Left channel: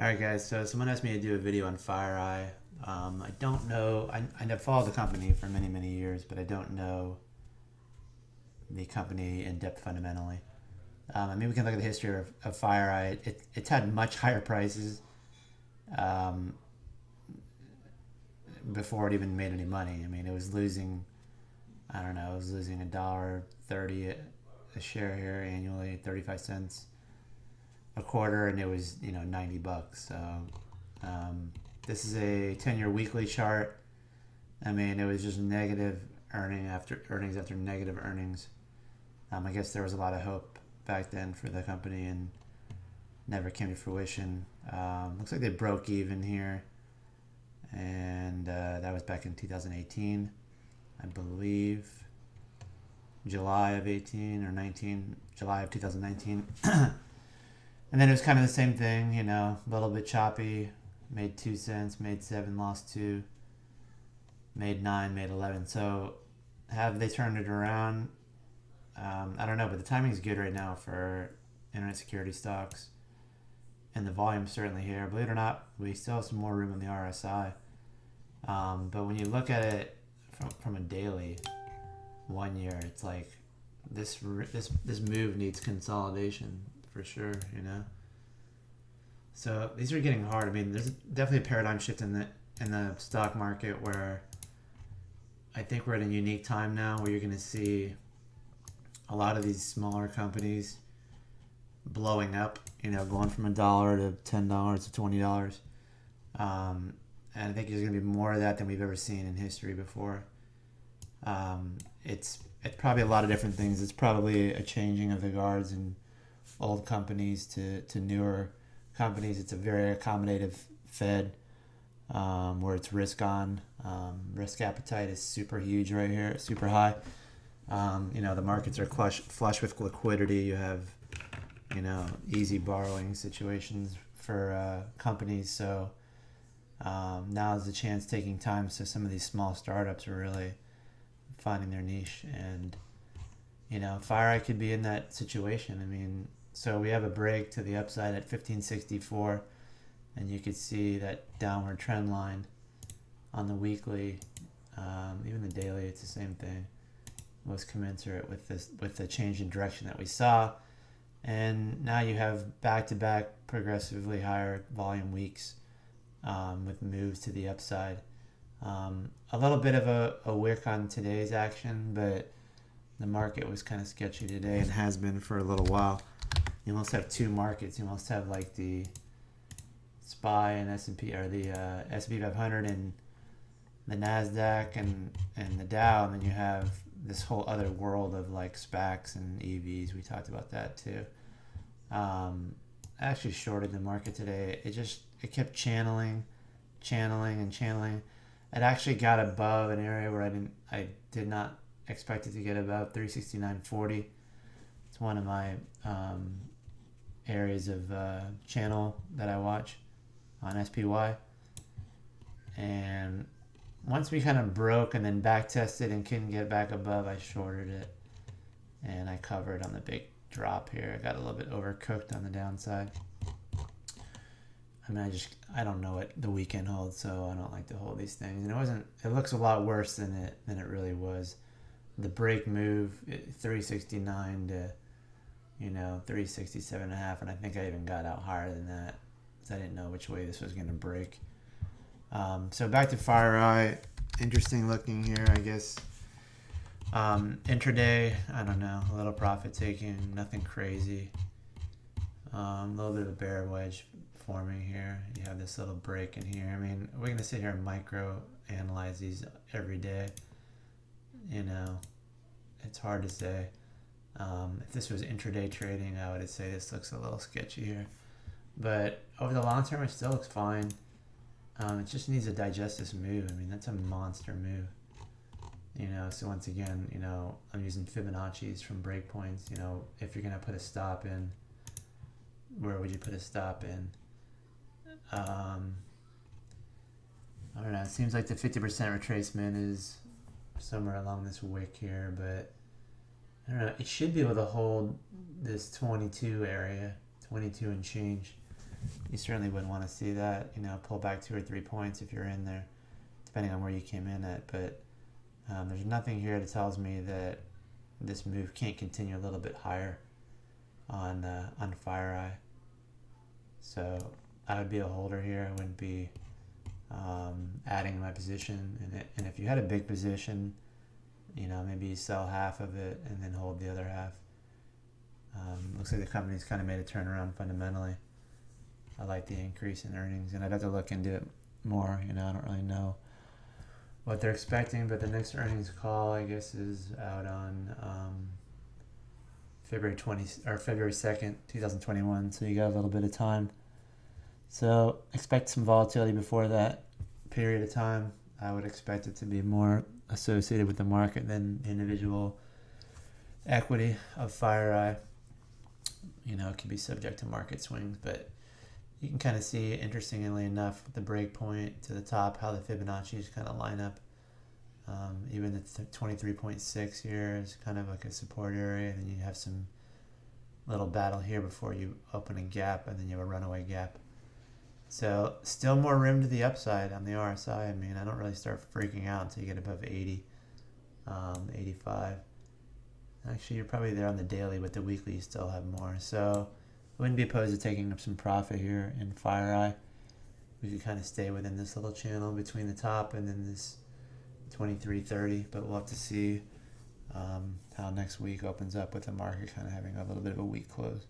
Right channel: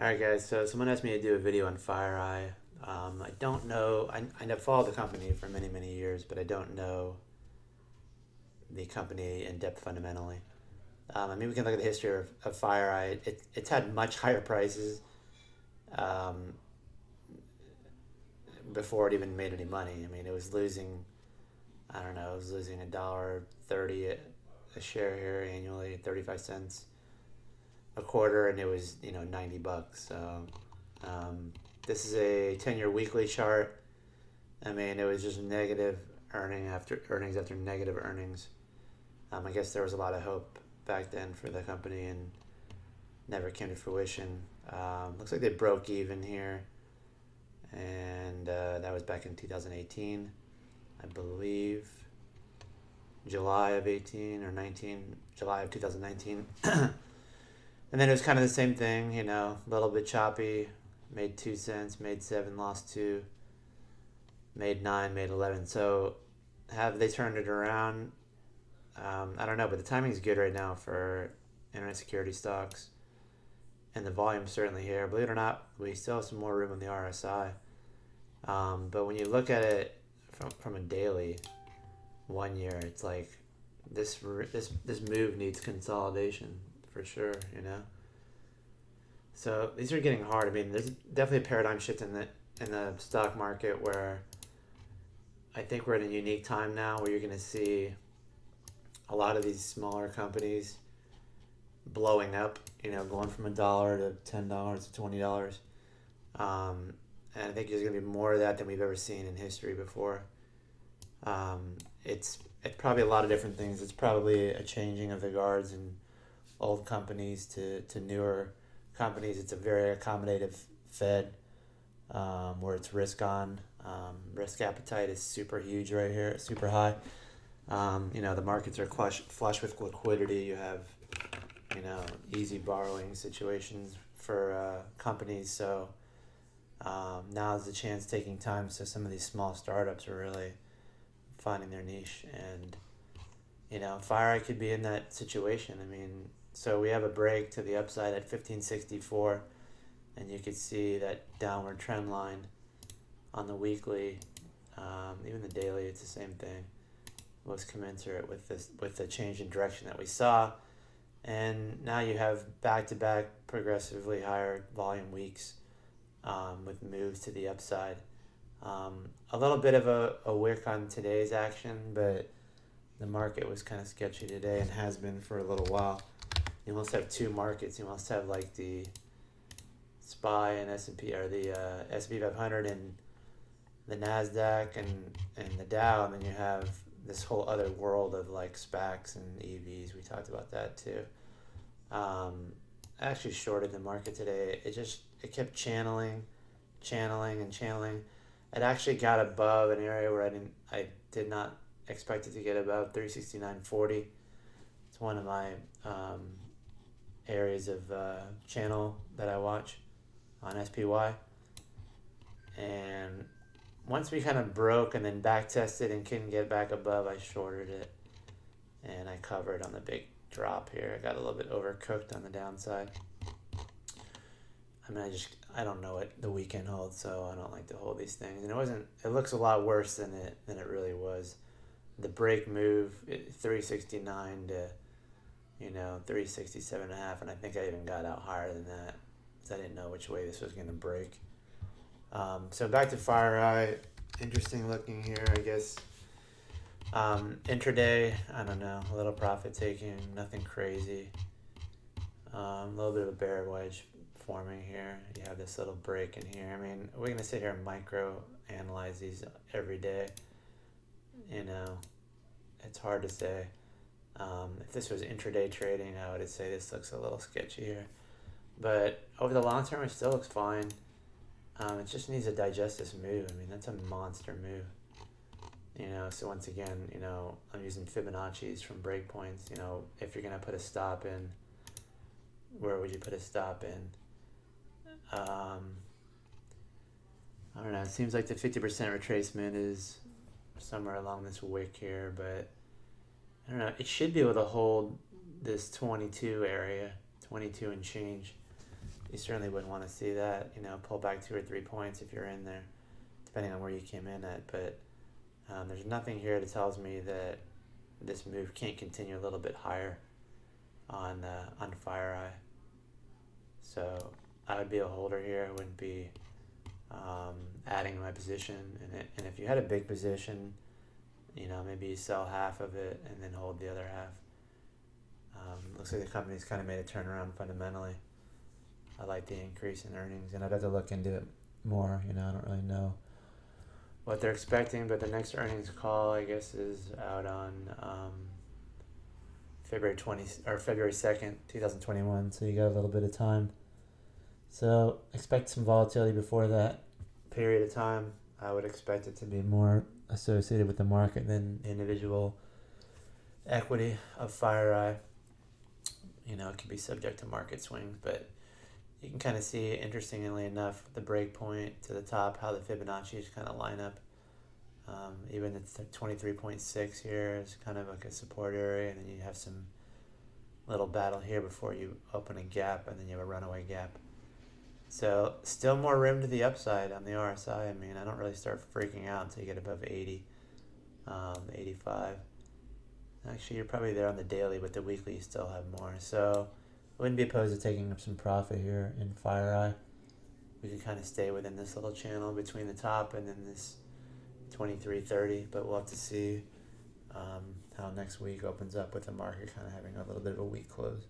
Alright guys, so someone asked me to do a video on FireEye. I don't know, I have followed the company for many, many years, but I don't know the company in depth fundamentally. We can look at the history of FireEye. It's had much higher prices um, before it even made any money. It was losing, I don't know, it was losing $1.30 a share here annually, 35 cents a quarter, and it was 90 bucks. So this is a 10-year weekly chart. It was just negative earnings after negative earnings. I guess there was a lot of hope back then for the company and never came to fruition. Looks like they broke even here, and that was back in 2018, I believe. July of 18 or 19, July of 2019. And then it was kind of the same thing, a little bit choppy. Made 2 cents, made 7, lost 2, made 9, made 11. So have they turned it around? I don't know, but the timing's good right now for internet security stocks. And the volume's certainly here. Believe it or not, we still have some more room on the RSI. But when you look at it from a daily, 1 year, it's like this move needs consolidation for sure. So these are getting hard. There's definitely a paradigm shift in the stock market where I think we're at a unique time now where you're going to see a lot of these smaller companies blowing up. Going from $1 to $10 to $20. And I think there's going to be more of that than we've ever seen in history before. It's probably a lot of different things. It's probably a changing of the guards in old companies to newer companies. It's a very accommodative Fed where it's risk on. Risk appetite is super huge right here, super high. The markets are flush with liquidity. You have, easy borrowing situations for companies. So now is the chance taking time. So some of these small startups are really finding their niche. And, FireEye could be in that situation. So we have a break to the upside at 1564, and you could see that downward trend line on the weekly, even the daily. It's the same thing. Was commensurate with the change in direction that we saw, and now you have back-to-back progressively higher volume weeks with moves to the upside. A little bit of a wick on today's action, but the market was kind of sketchy today and has been for a little while. You almost have two markets. You almost have like the SPY and S&P, or the S&P 500 and the NASDAQ and the Dow, and then you have this whole other world of like SPACs and EVs. We talked about that too. I actually shorted the market today. It kept channeling. It actually got above an area where I did not expect it to get above 369.40. It's one of my areas of channel that I watch on SPY. And once we kind of broke and then back tested and couldn't get back above, I shorted it and I covered on the big drop here. I got a little bit overcooked on the downside. I don't know what the weekend holds, so I don't like to hold these things. And it looks a lot worse than it really was. The break move, 369 to 367.5, and I think I even got out higher than that because I didn't know which way this was going to break. So back to FireEye. Interesting looking here, I guess. Intraday, I don't know, a little profit taking, nothing crazy. A little bit of a bear wedge forming here. You have this little break in here. We're going to sit here and micro analyze these every day. It's hard to say. If this was intraday trading, I would say this looks a little sketchy here. But over the long term, it still looks fine. It just needs to digest this move. That's a monster move. So once again, I'm using Fibonacci's from breakpoints. If you're going to put a stop in, where would you put a stop in? I don't know. It seems like the 50% retracement is somewhere along this wick here, but I don't know. It should be able to hold this 22 area, 22 and change. you certainly wouldn't want to see that, pull back 2 or 3 points if you're in there, depending on where you came in at. But there's nothing here that tells me that this move can't continue a little bit higher on FireEye. So I would be a holder here. I wouldn't be adding my position. And if you had a big position, maybe you sell half of it and then hold the other half. Looks like the company's kind of made a turnaround fundamentally. I like the increase in earnings, and I'd have to look into it more. I don't really know what they're expecting, but the next earnings call, I guess, is out on February 2nd, 2021. So you got a little bit of time. So expect some volatility before that period of time. I would expect it to be more associated with the market than the individual equity of FireEye. It could be subject to market swings, but you can kind of see, interestingly enough, the break point to the top, how the Fibonacci's kind of line up. Even the 23.6 here is kind of like a support area, and then you have some little battle here before you open a gap, and then you have a runaway gap. So still more room to the upside on the RSI. I mean, I don't really start freaking out until you get above 80, 85. Actually, you're probably there on the daily, but the weekly you still have more. So I wouldn't be opposed to taking up some profit here in FireEye. We could kind of stay within this little channel between the top and then this 23.30, but we'll have to see how next week opens up with the market kind of having a little bit of a weak close.